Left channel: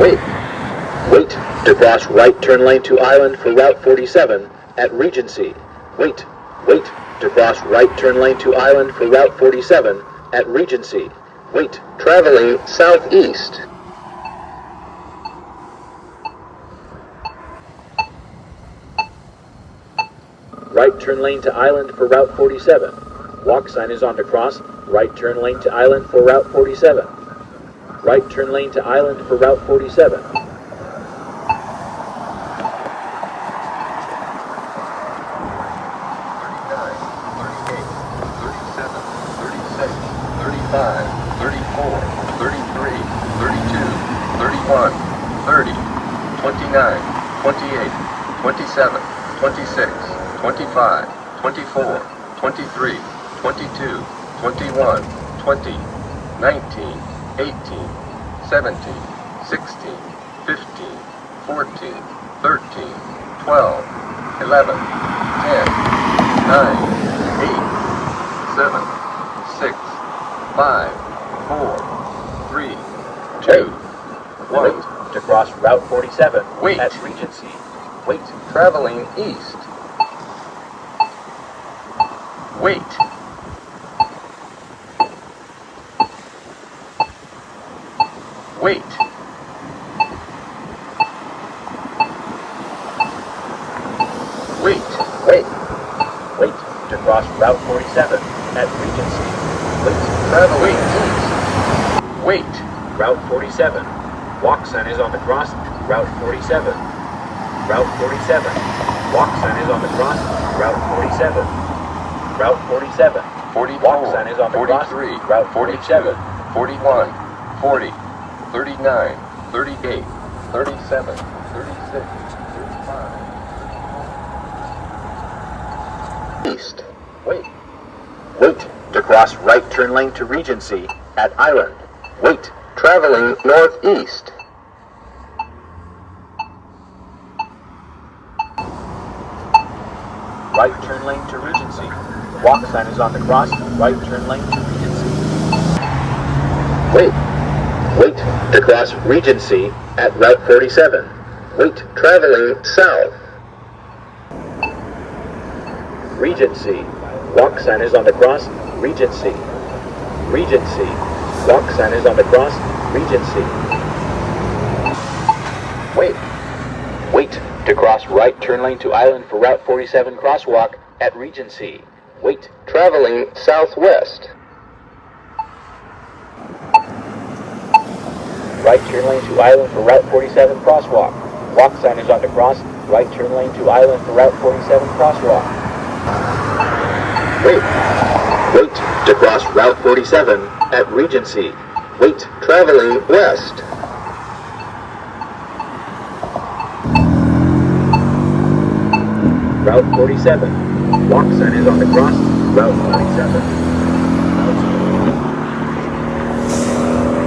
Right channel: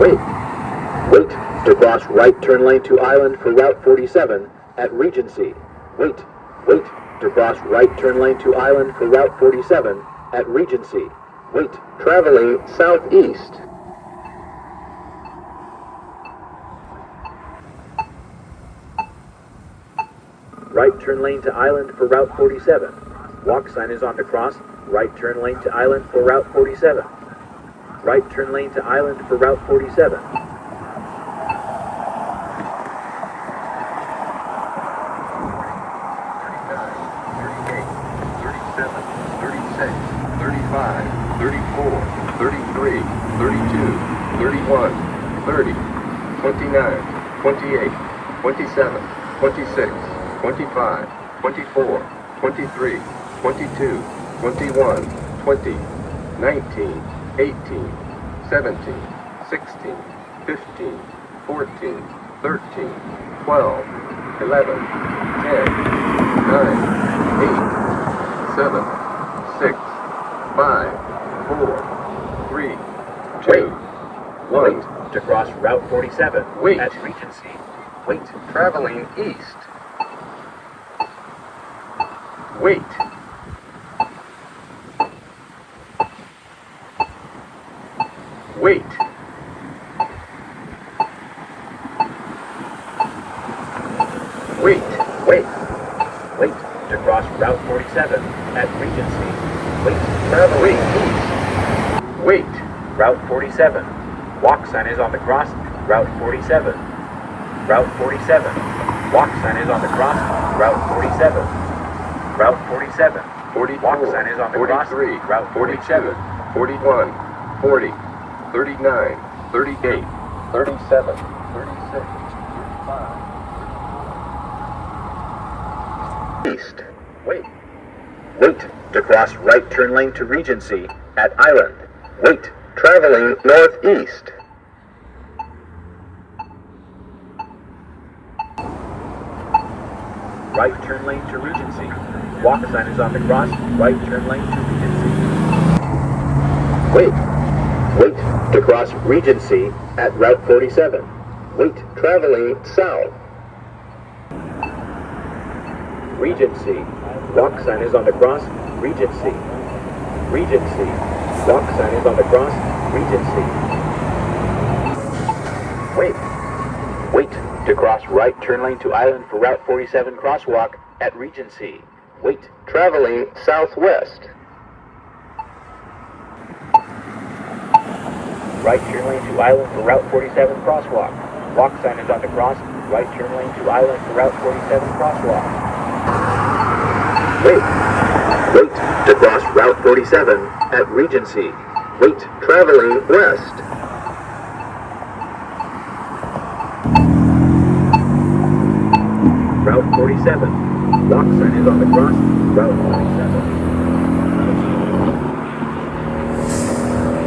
Wait. Wait to cross right turn lane to Island for Route 47 at Regency. Wait. Wait to cross right turn lane to Island for Route 47 at Regency. Wait. Traveling southeast. Right turn lane to Island for Route 47. Walk sign is on to cross. Right turn lane to Island for Route 47. Right turn lane to Island for Route 47. Wait to cross Route 47 Wait. at Regency. Wait. Traveling east. Wait. Wait. Wait. Wait. Wait to cross Route 47 at Regency. Wait. Traveling east. Wait. Route 47. Walk sign is on the cross. Route 47. Route 47. Walk sign is on the cross. Route 47. Route 47. 44, Walk sign is on the cross. 43, Route 47. 41, 40, 39, 38, 37, 36, 35. East. Wait. Wait to cross right turn lane to Regency at Island. Wait. Traveling northeast. Right turn lane to Regency. Walk sign is on the cross. Right turn lane to Regency. Wait. Wait to cross Regency at Route 47. Wait. Traveling south. Regency. Walk sign is on the cross. Regency. Regency. Walk sign is on the cross. Regency. Wait. Wait to cross right turn lane to Island for Route 47 crosswalk at Regency. Wait. Traveling southwest. Right turn lane to Island for Route 47 crosswalk. Walk sign is on the cross. Right turn lane to Island for Route 47 crosswalk. Wait. Wait to cross Route 47 at Regency. Wait. Traveling west. Route 47. Walk sign is on the cross. Route 47.